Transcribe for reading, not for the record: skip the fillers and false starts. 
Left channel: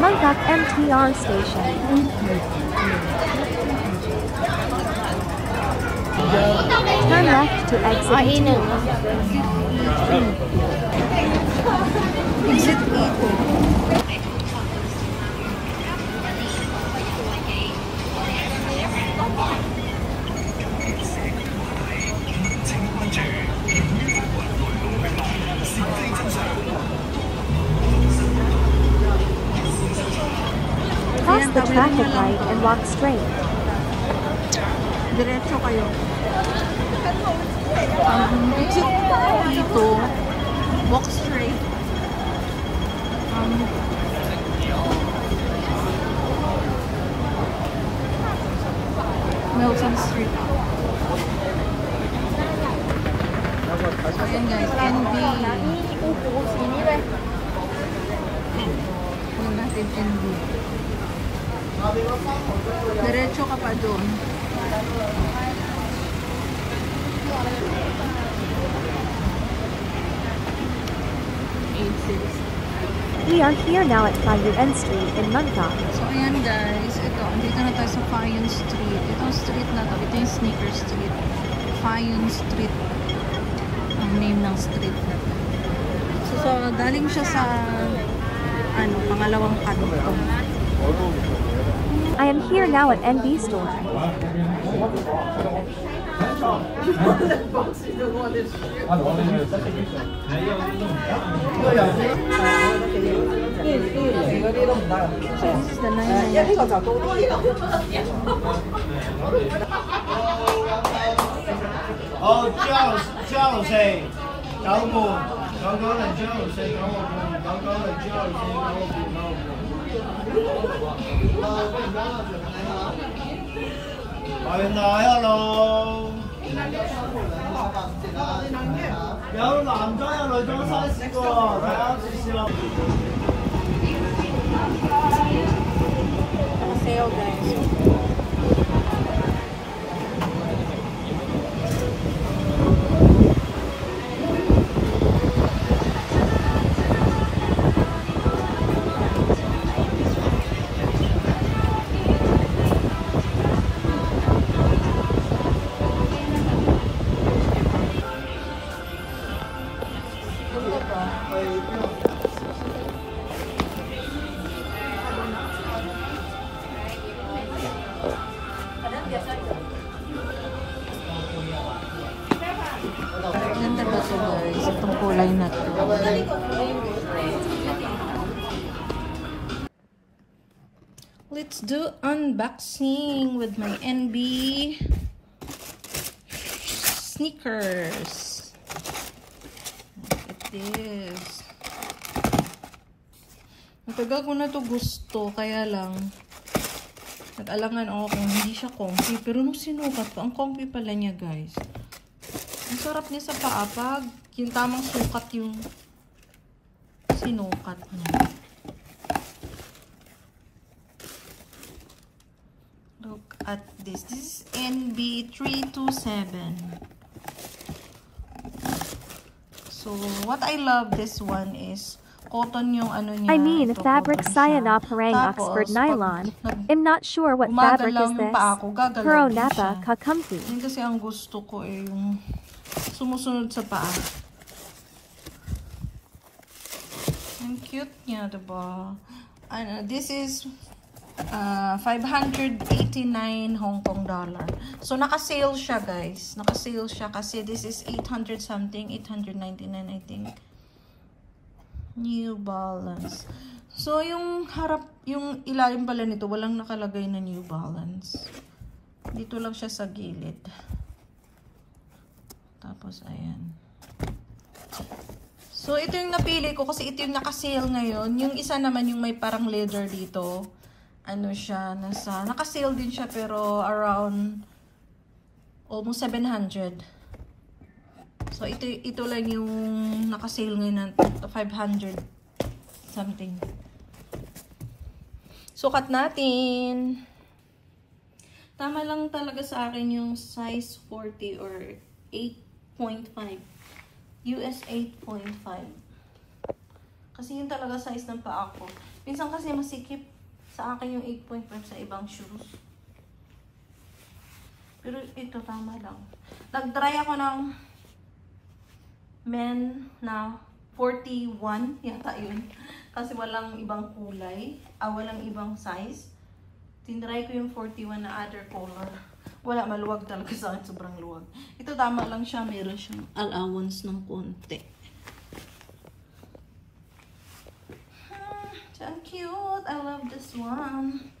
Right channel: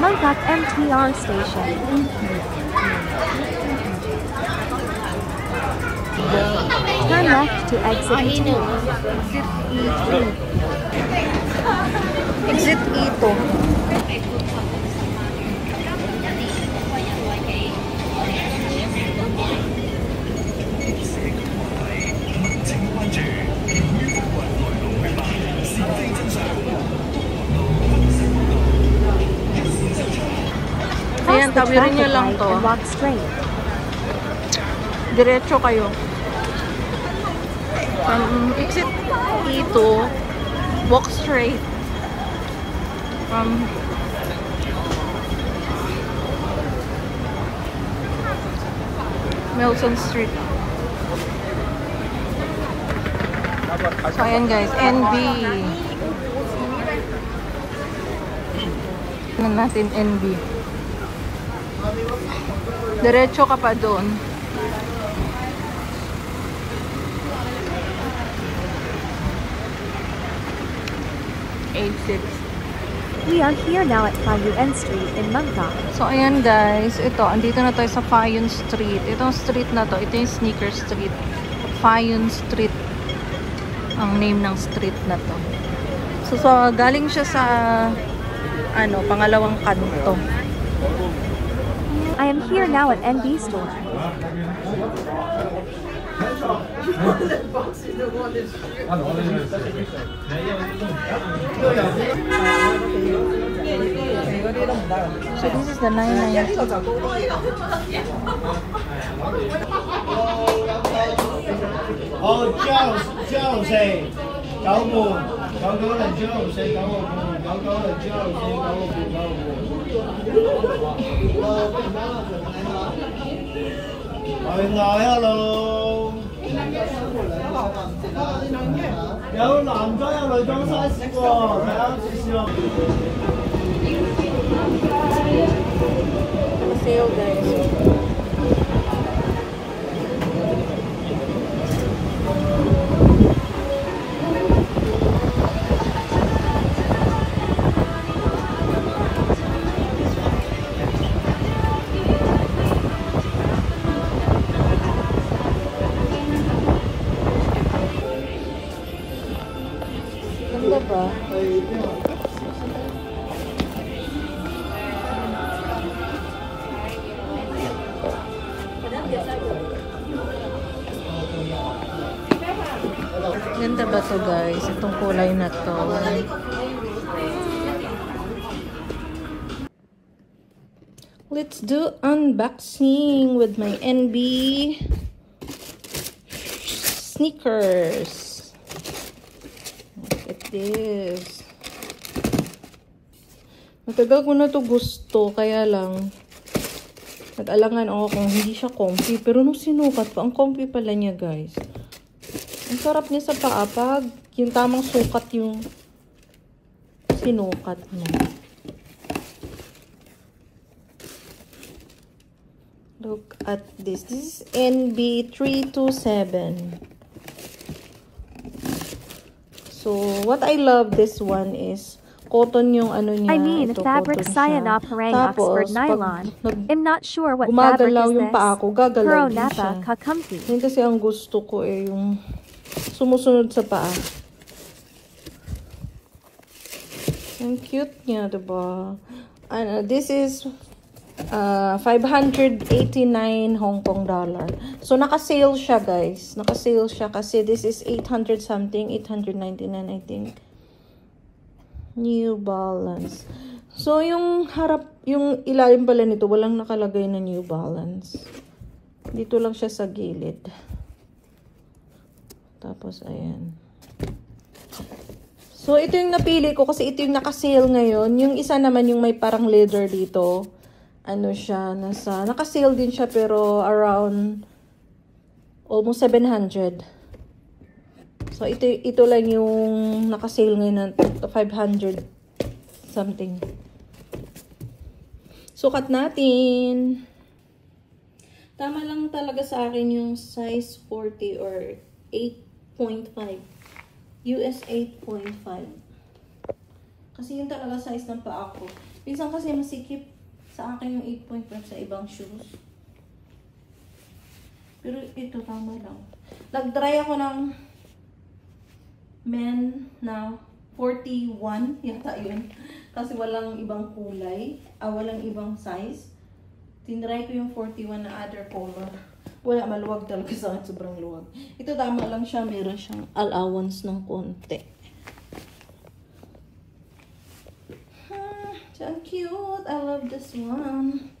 Mangkok MTR station. Turn left to exit 2. Exit E2. Cross the traffic light and walk straight. Diretso kayo. From exit E2, walk straight. From Nelson Street. So ayan guys, NB. Tingnan natin NB. Diretso ka pa doon. We are here now at Fayuen Street in Mangkok. So ayan guys, ito, andito na tayo sa Fayuen Street. Itong street na to, ito yung Sneaker Street. Fayuen Street ang name ng street na to. So galing siya sa pangalawang kanto. I am here now at NB store. This is the 990. Oh,叫谁？找我，找我来叫谁？找我，找我来叫谁？我來咯！有男裝有女裝 size 喎，睇下試試咯。Sale guys. Ganda ba ito guys? Itong kulay na to. Let's do unboxing with my NB sneakers. Look at this. Matagal ko na to gusto, kaya lang nag-alangan ako kung hindi siya comfy. Pero nung sinukat ko, ang comfy pala niya guys. Ang sarap niya sa paa pag yung tamang sukat yung sinukat niya. Look at this. This is NB327. So, what I love this one is cotton yung ano niya. I mean, ito, fabric Sayana Parang Tapos, Oxford nylon. I'm not sure what fabric is this. Puro Napa ka comfy. Yan kasi ang gusto ko yung sumusunod sa paa. Ang cute niya, diba? This is 589 Hong Kong dollar. So, naka-sale siya, guys. Naka-sale siya kasi this is 800 something, 899 I think. New Balance. So, yung harap, yung ilalim pala nito, walang nakalagay na New Balance. Dito lang siya sa gilid. Tapos, ayan. So, ito yung napili ko kasi ito yung naka-sale ngayon. Yung isa naman yung may parang leather dito. Ano siya, naka-sale din siya pero around almost 700. So, ito lang yung naka-sale ngayon na 500 something. Sukat natin. Tama lang talaga sa akin yung size 40 or 8.5. US 8.5. Kasi yun talaga size ng paa ko. Minsan kasi masikip sa akin yung 8.5 sa ibang shoes. Pero ito tama lang. Nag-try ako ng men na 41 yata yun. Kasi walang ibang kulay. Walang ibang size. Tinry ko yung 41 na other color. Wala, maluwag talaga sa akin. Sobrang luwag. Ito tama lang siya. Meron siyang allowance ng konti. So cute. I love this one.